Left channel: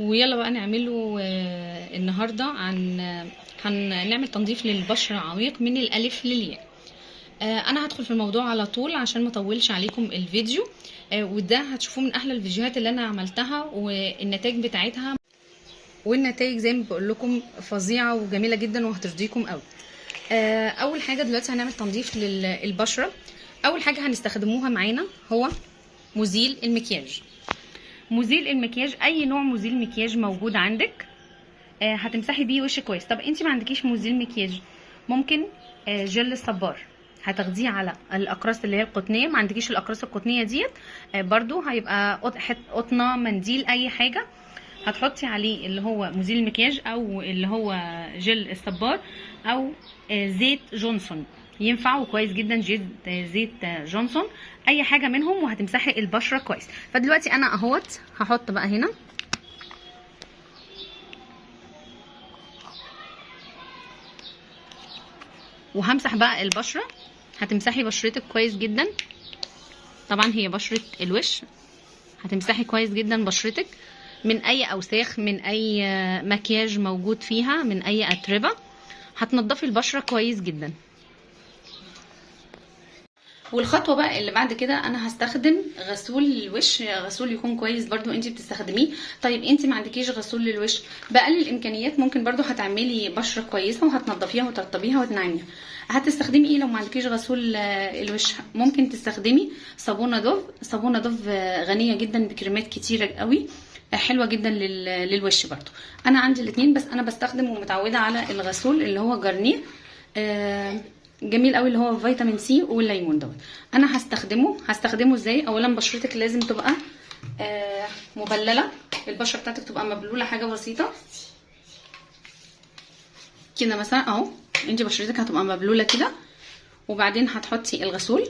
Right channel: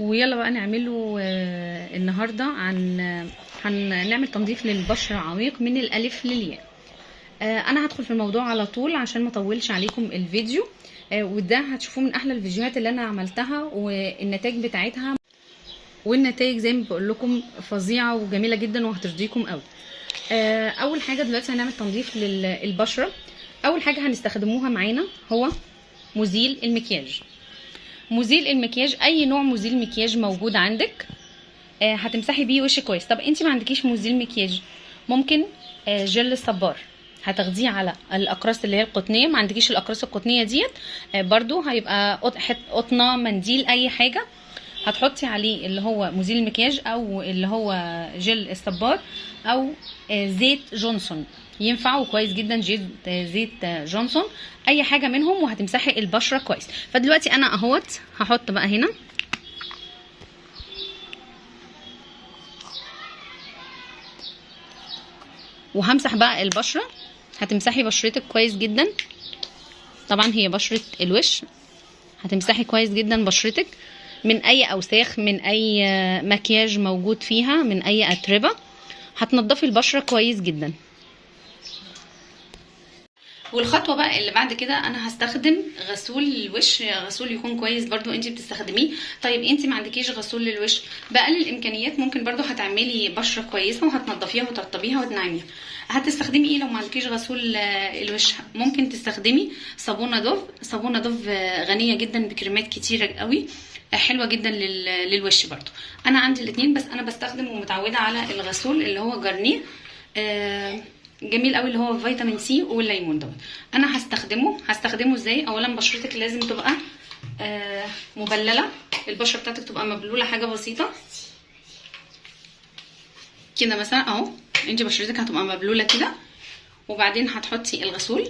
ويلا بقى نعمله النهارده هنعمل تنظيف للبشره عميق من الالف للياء. انا هدخل في الموضوع على طول عشان ما اطولش عليكم الفيديو. وده هتشوفوه من احلى الفيديوهات اللي انا عملتها، والنتائج بتاعتها والنتائج زي ما بقول لكم فظيعه وجميله جدا وهترضيكم قوي. اول حاجه دلوقتي هنعمل تنظيف للبشره. اول حاجه هنستخدموها معانا هو مزيل المكياج. مزيل المكياج، اي نوع مزيل مكياج موجود عندك هتمسحي بيه وشك كويس. طب انت ما عندكيش مزيل مكياج، ممكن جل الصبار هتاخديه على الاقراص اللي هي القطنيه. ما عندكيش الاقراص القطنيه ديت برضو هيبقى قطنه، منديل، اي حاجه هتحطي عليه اللي هو مزيل المكياج او اللي هو جل الصبار او زيت جونسون، ينفع كويس جدا. زيت جونسون، اي حاجه منهم، وهتمسحي البشره كويس. فدلوقتي انا اهوت هحط بقى هنا وهمسح بقى البشره. هتمسحي بشرتك كويس جدا، طبعا هي بشره الوش. هتمسحي كويس جدا بشرتك من اي اوساخ، من اي مكياج موجود فيها، من اي اتربه. هتنضفي البشره كويس جدا. والخطوه بقى اللي بعد كده انا هستخدم غسول الوش. غسول يكون كويس برضو انت بتستخدميه. طيب انت ما عندكيش غسول للوش، باقل الامكانيات ممكن برضو هتعملي بشره كويسه وهتنضفيها وترطبيها وتنعميها. هتستخدمي ايه لو ما عندكيش غسول الوش؟ ممكن تستخدمي صابونه دوف. صابونه دوف غنيه جدا بكريمات كتيره قوي، حلوه جدا للوش برضو. انا عندي الاثنين، بس انا بستخدم ومتعوده على الغسول اللي هو جارنيه جميل قوي، اللي هو فيتامين سي والليمون دوت. انا هستخدمه ازاي؟ اولا بشرتك لازم تبقى مبلله. البشره بتاعتك تبقى مبلوله، حاجه بسيطه كده مثلا اهو. انت بشرتك هتبقى مبلوله كده، وبعدين هتحطي الغسول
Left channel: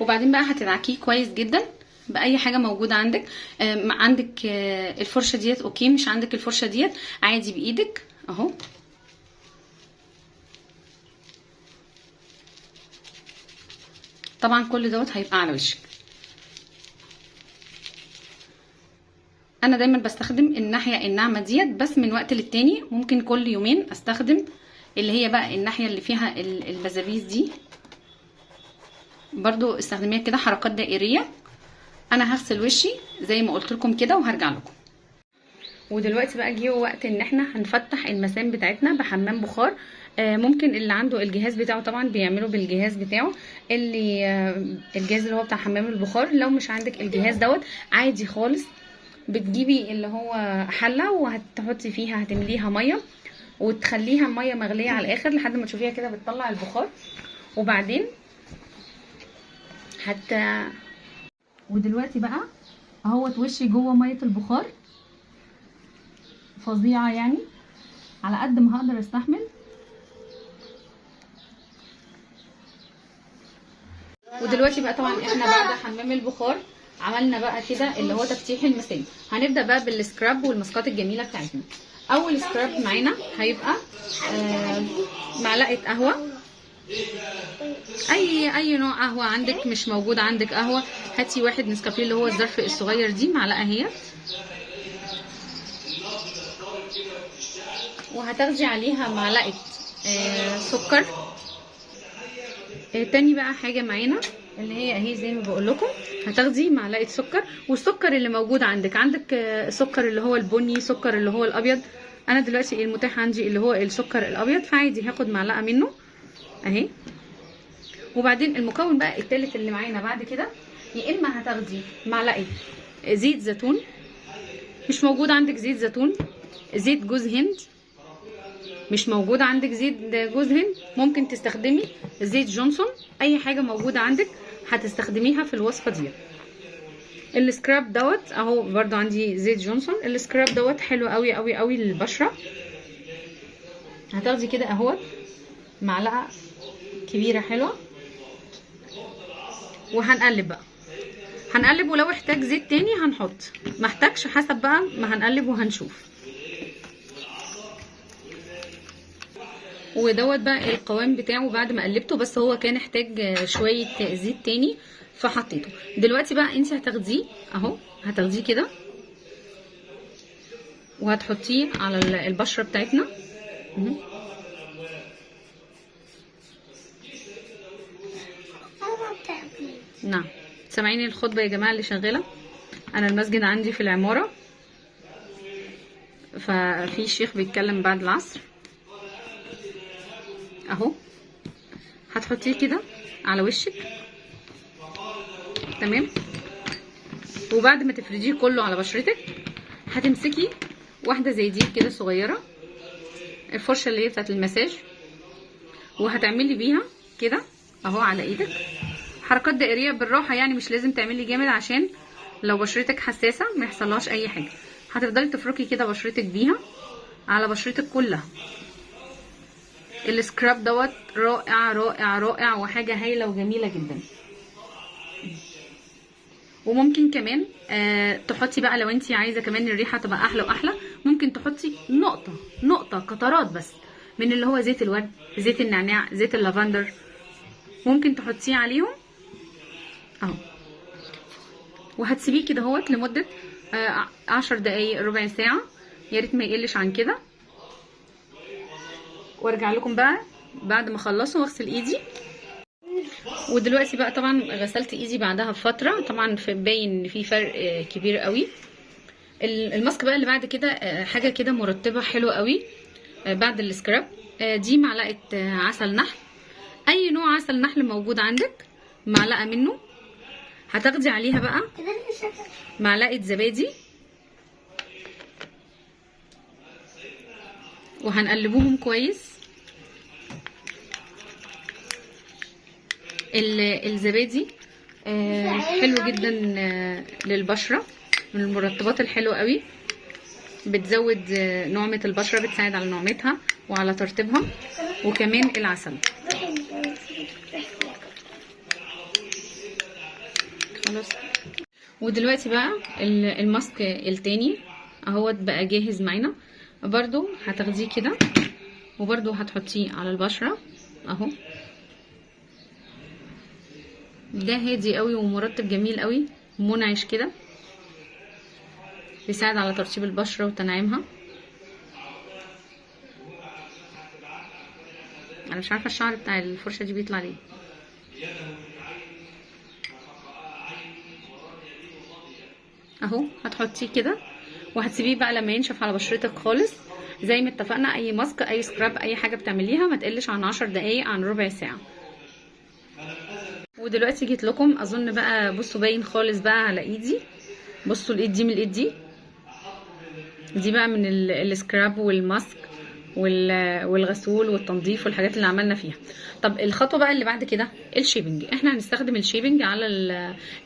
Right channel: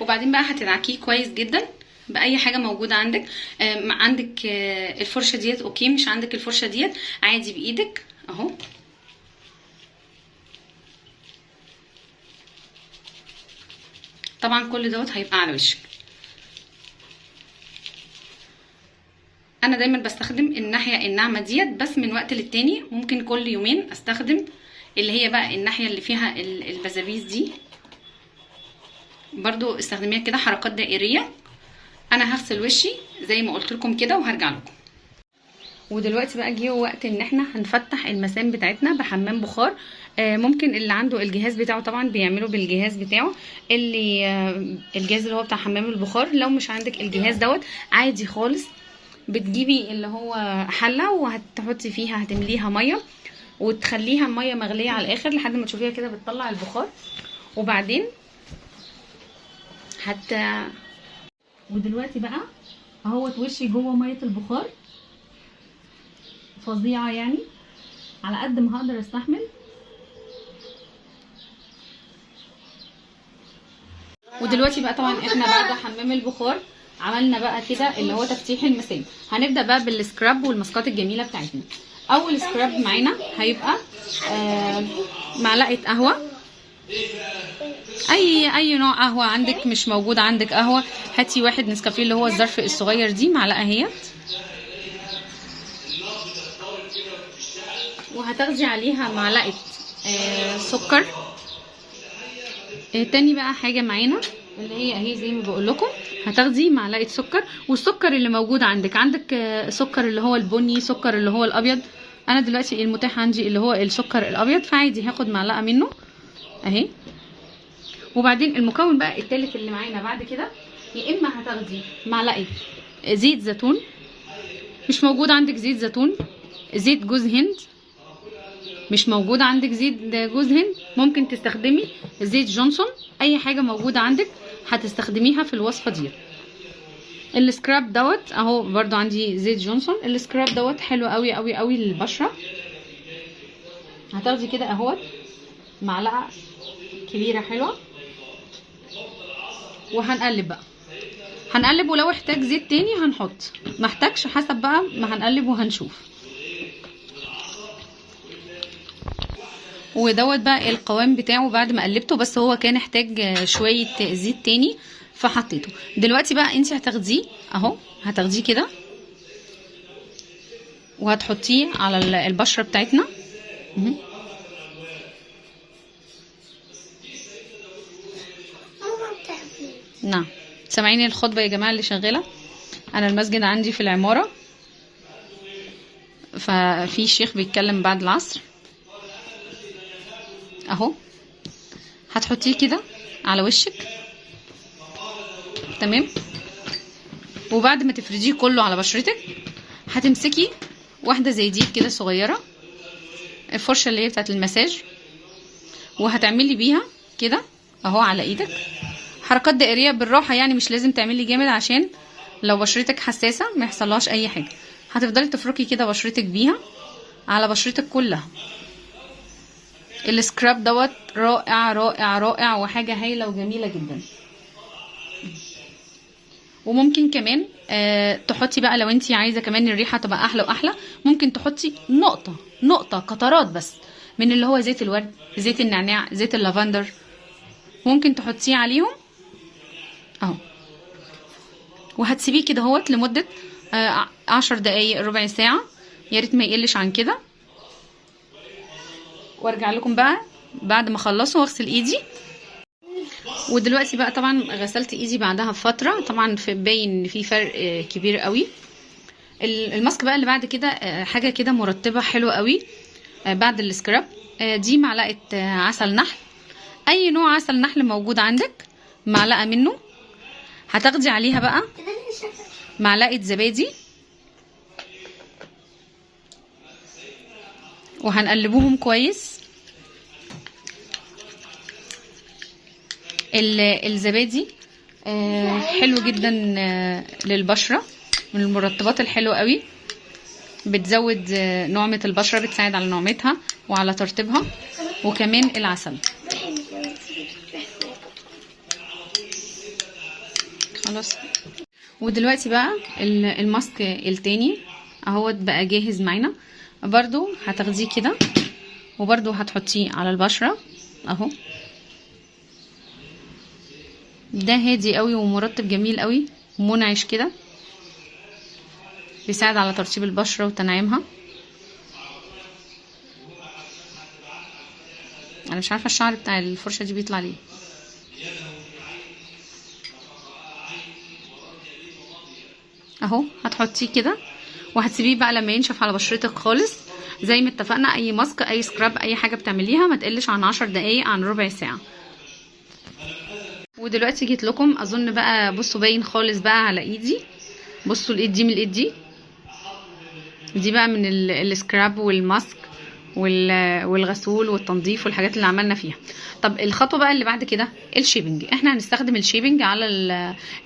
وبعدين بقى هتدعكيه كويس جدا باي حاجه موجوده عندك. عندك الفرشه ديت اوكي، مش عندك الفرشه ديت عادي بايدك اهو. طبعا كل دوت هيبقى على وشك. انا دايما بستخدم الناحيه الناعمه ديت، بس من وقت للتاني ممكن كل يومين استخدم اللي هي بقى الناحيه اللي فيها البزابيز دي، برضو استخدميها كده حركات دائريه. انا هغسل وشي زي ما قلت لكم كده وهرجع لكم. ودلوقتي بقى جه وقت ان احنا هنفتح المسام بتاعتنا بحمام بخار. ممكن اللي عنده الجهاز بتاعه طبعا بيعمله بالجهاز بتاعه، اللي الجهاز اللي هو بتاع حمام البخار. لو مش عندك الجهاز دوت عادي خالص، بتجيبي اللي هو حله وهتحطي فيها، هتمليها ميه وتخليها ميه مغليه على الاخر لحد ما تشوفيها كده بتطلع البخار. وبعدين ودلوقتي بقى اهوت وشي جوه ميه البخار فظيعه، يعني على قد ما هقدر استحمل. ودلوقتي بقى طبعا احنا بعد حمام البخار عملنا بقى كده اللي هو تفتيح المسام. هنبدا بقى بالسكراب والماسكات الجميله بتاعتنا. اول سكراب معانا هيبقى معلقه قهوه، اي نوع قهوه عندك. مش موجود عندك قهوه، هاتي واحد نسكافيه اللي هو الظرف الصغير دي، معلقه اهيت. وهتاخدي عليها معلقه سكر. تاني بقى حاجه معانا اللي هي اهي زي ما بقول لكم، هتاخدي معلقه سكر. والسكر اللي موجود عندك سكر اللي هو البني، سكر اللي هو الابيض. انا دلوقتي المتاح عندي اللي هو السكر الابيض، فعادي هاخد معلقه منه اهي. وبعدين المكون بقى التالت اللي معانا بعد كده، يا اما هتاخدي معلقه زيت زيتون. مش موجود عندك زيت زيتون، زيت جوز هند. مش موجود عندك زيت جوز هند، ممكن تستخدمي زيت جونسون. اي حاجه موجوده عندك هتستخدميها في الوصفه دي. السكراب دوت اهو برضو عندي زيت جونسون. السكراب دوت حلو قوي قوي قوي للبشره. هتاخدي كده اهوت معلقه كبيره حلوه، وهنقلب بقى. هنقلب، ولو احتاج زيت تاني هنحط، ما احتاجش حسب بقى ما هنقلب وهنشوف. ودوت بقى القوام بتاعه بعد ما قلبته، بس هو كان احتاج شويه زيت تاني. فحطيته. دلوقتي بقى انت هتاخديه اهو، هتاخديه كده وهتحطيه على البشره بتاعتنا. نعم، سامعين الخطبه يا جماعه اللي شغاله؟ انا المسجد عندي في العماره، ففي شيخ بيتكلم بعد العصر. اهو هتحطيه كده على وشك، تمام. وبعد ما تفرديه كله على بشرتك هتمسكي واحده زي دي كده صغيره، الفرشه اللي هي بتاعت المساج، وهتعملي بيها كده اهو على ايدك حركات دائريه بالراحه، يعني مش لازم تعملي جامد عشان لو بشرتك حساسه ما يحصلهاش اي حاجه. هتفضلي تفركي كده بشرتك بيها على بشرتك كلها. السكراب دوت رائع رائع رائع وحاجه هايله وجميله جدا. وممكن كمان تحطي بقى لو انتي عايزه كمان الريحه تبقى احلى واحلى، ممكن تحطي نقطه قطرات بس من اللي هو زيت الورد، زيت النعناع، زيت اللافندر، ممكن تحطيه عليهم اهو. وهتسيبيه كده اهوت لمده 10 دقايق ربع ساعه، يا ريت ما يقلش عن كده. وارجع لكم بقى بعد ما اخلصه واغسل ايدي. ودلوقتي بقى طبعا غسلت ايدي بعدها بفتره، طبعا باين ان في فرق كبير قوي. الماسك بقى اللي بعد كده حاجه كده مرطبه حلوه قوي بعد السكراب. دي معلقه عسل نحل، اي نوع عسل نحل موجود عندك معلقه منه. هتاخدي عليها بقى معلقه زبادي وهنقلبوهم كويس. الزبادي حلو جدا للبشره، من المرطبات الحلوه قوي، بتزود نعمه البشره، بتساعد على نعمتها وعلى ترطيبها. وكمان العسل. خلاص. ودلوقتي بقى الماسك التاني اهوت بقى جاهز معانا. برضو هتاخديه كده وبرضو هتحطيه على البشره اهو. ده هادي قوي ومرطب جميل قوي ومنعش كده، بيساعد على ترطيب البشره وتنعيمها. انا مش عارفه الشعر بتاع الفرشه دي بيطلع ليه. اهو هتحطيه كده وهتسيبيه بقى لما ينشف على بشرتك خالص. زي ما اتفقنا، اي ماسك اي سكراب اي حاجه بتعمليها ما تقلش عن 10 دقايق عن ربع ساعه. ودلوقتي جيت لكم اظن بقى، بصوا باين خالص بقى على ايدي. بصوا الايد دي من الايد دي بقى من السكراب والماسك والغسول والتنظيف والحاجات اللي عملنا فيها. طب الخطوه بقى اللي بعد كده الشيبنج. احنا هنستخدم الشيبنج على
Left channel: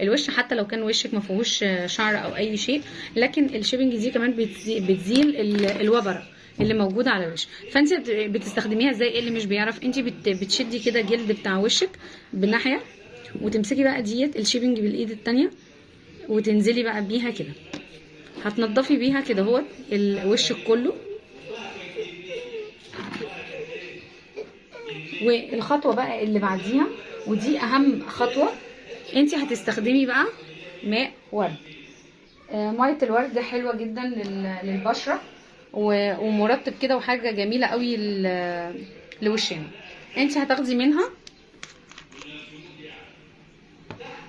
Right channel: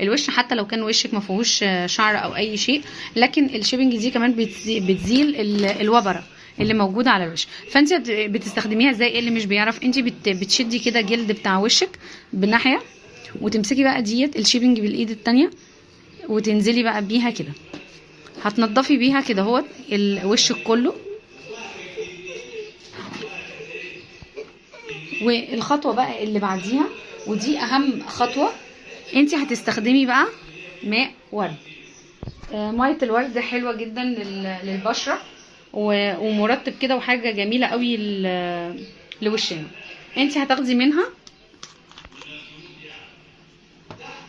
الوش حتى لو كان وشك ما فيهوش شعر او اي شيء، لكن الشيبنج دي كمان بتزيل الوبره اللي موجوده على الوش. فانت بتستخدميها ازاي؟ اللي مش بيعرف، انت بتشدي كده جلد بتاع وشك بالناحيه وتمسكي بقى ديت الشيبنج بالايد التانيه وتنزلي بقى بيها كده. هتنضفي بيها كده اهوت وشك كله. والخطوه بقى اللي بعديها ودي اهم خطوه، انت هتستخدمي بقى ماء ورد. ميه الورد حلوه جدا للبشره ومرطب كده وحاجه جميله قوي لوشنا. انت هتاخدي منها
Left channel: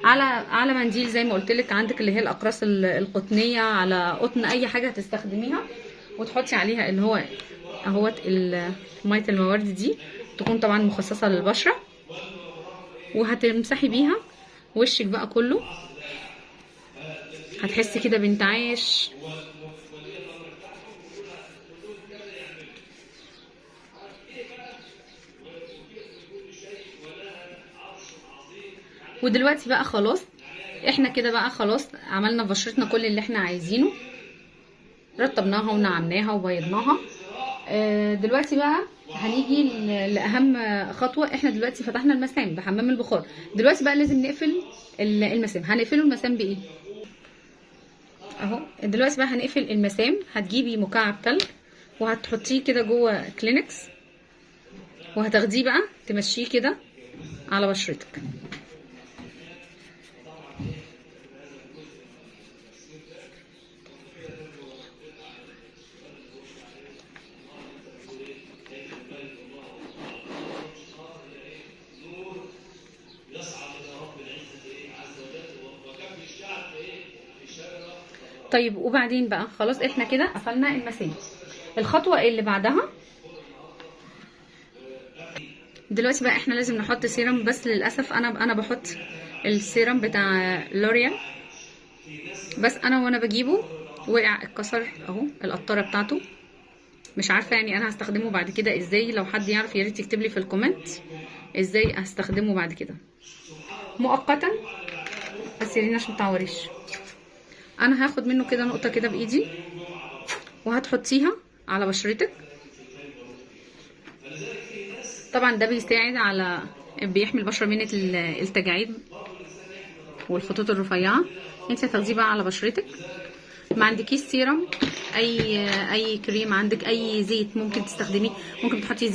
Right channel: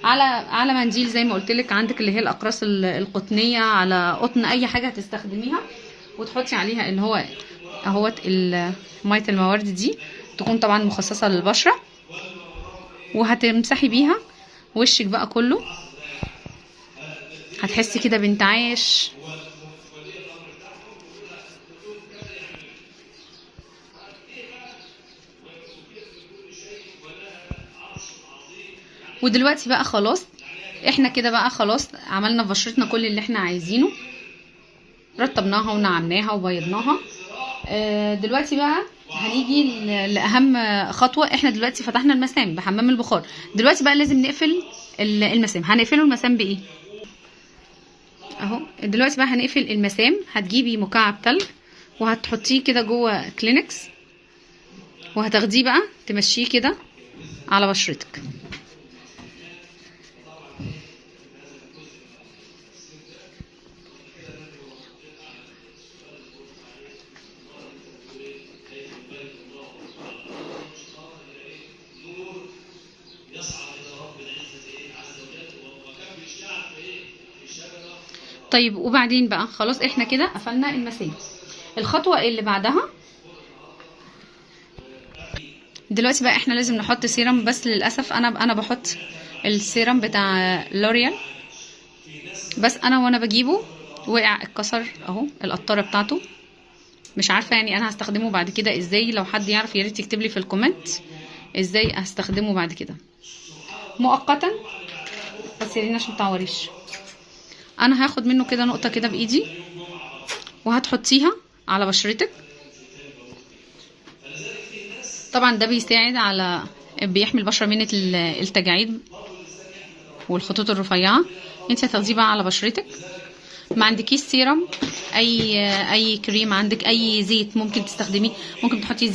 على منديل زي ما قلت لك، عندك اللي هي الاقراص القطنيه، على قطن، اي حاجه هتستخدميها، وتحطي عليها ان هو اهوت ميه الموارد دي تكون طبعا مخصصه للبشره، وهتمسحي بيها وشك بقى كله. هتحسي كده بانتعاش. ودلوقتي بقى خلاص، احنا كده بقى خلاص عملنا في بشرتنا كل اللي احنا عايزينه، رطبناها ونعمناها وبيضناها. دلوقتي بقى هنيجي لاهم خطوه. احنا دلوقتي فتحنا المسام بحمام البخار، دلوقتي بقى لازم نقفل المسام. هنقفله المسام بايه؟ اهو دلوقتي بقى هنقفل المسام. هتجيبي مكعب تلج وهتحطيه كده جوه كلينكس، وهتاخديه بقى تمشيه كده على بشرتك. طيب وبعدين بقى خلاص احنا كده قفلنا المسام. الخطوه اللي بعدها دلوقتي بقى احنا لازم نحط سيرم، بس للاسف انا بحط السيرم بتاع لوريال، بس انا وانا بجيبه وقع اتكسر اهو القطاره بتاعته، مش عارفه يعني انا هستخدمه بعد كده ازاي. لو حد يعرف يا ريت يكتب لي في الكومنت ازاي هستخدمه بعد كده مؤقتا، بس يا ريت عشان متعوريش. انا هاخد منه كده نقطه كده بايدي وهتحطيها على بشرتك. طبعا ده بيساعد على بيحمي البشره من التجاعيد والخطوط الرفيعه. انت هتاخديه بقى على بشرتك. ما عندكيش سيرم، اي كريم عندك، اي زيت ممكن تستخدميه، ممكن تحطي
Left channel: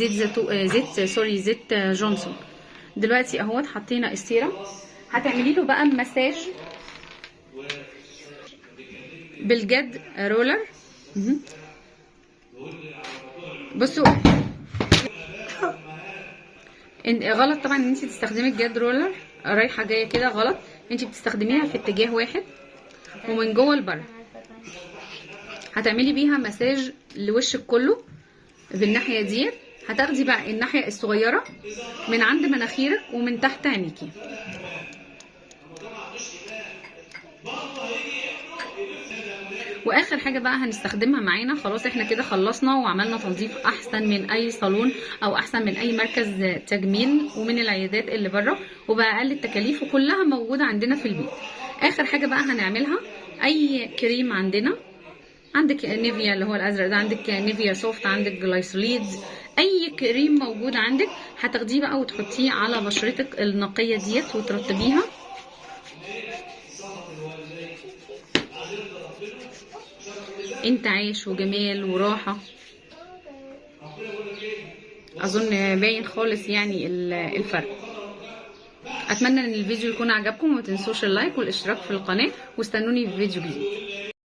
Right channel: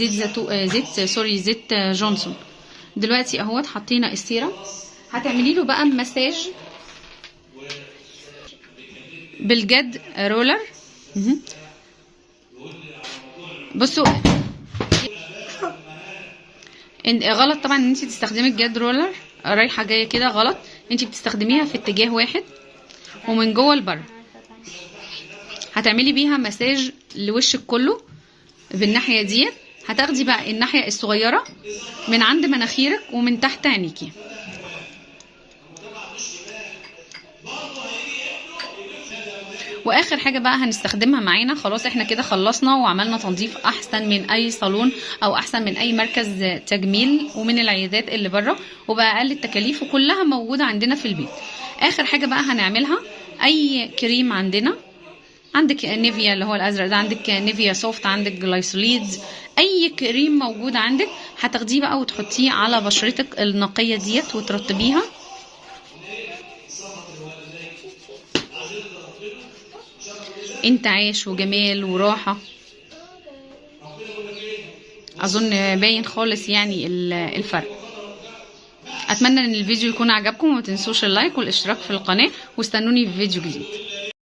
زيت جونسون. دلوقتي اهوت حطينا السيرم، هتعملي له بقى مساج بالجد رولر. بصوا غلط طبعا ان انت تستخدمي الجد رولر رايحه جايه كده، غلط. انت بتستخدميها في اتجاه واحد ومن جوه لبره. هتعملي بيها مساج لوشك كله بالناحيه ديت. هتاخدي بقى الناحيه الصغيره من عند مناخيرك ومن تحت عينيكي. واخر حاجه بقى هنستخدمها معانا. خلاص احنا كده خلصنا وعملنا تنظيف احسن من اي صالون او احسن من اي مركز تجميل ومن العيادات اللي بره، وباقل التكاليف، وكلها موجوده عندنا في البيت. اخر حاجه بقى هنعملها اي كريم عندك نيفيا اللي هو الازرق ده، عندك نيفيا سوفت، عندك جلايسوليد، اي كريم موجود عندك هتاخديه بقى وتحطيه على بشرتك النقيه ديت وترطبيها. انتعاش وجمال وراحه. اظن باين خالص يعني الفرق. اتمنى ان الفيديو يكون عجبكم، وما تنسوش اللايك والاشتراك في القناه، واستنوني في فيديو جديد.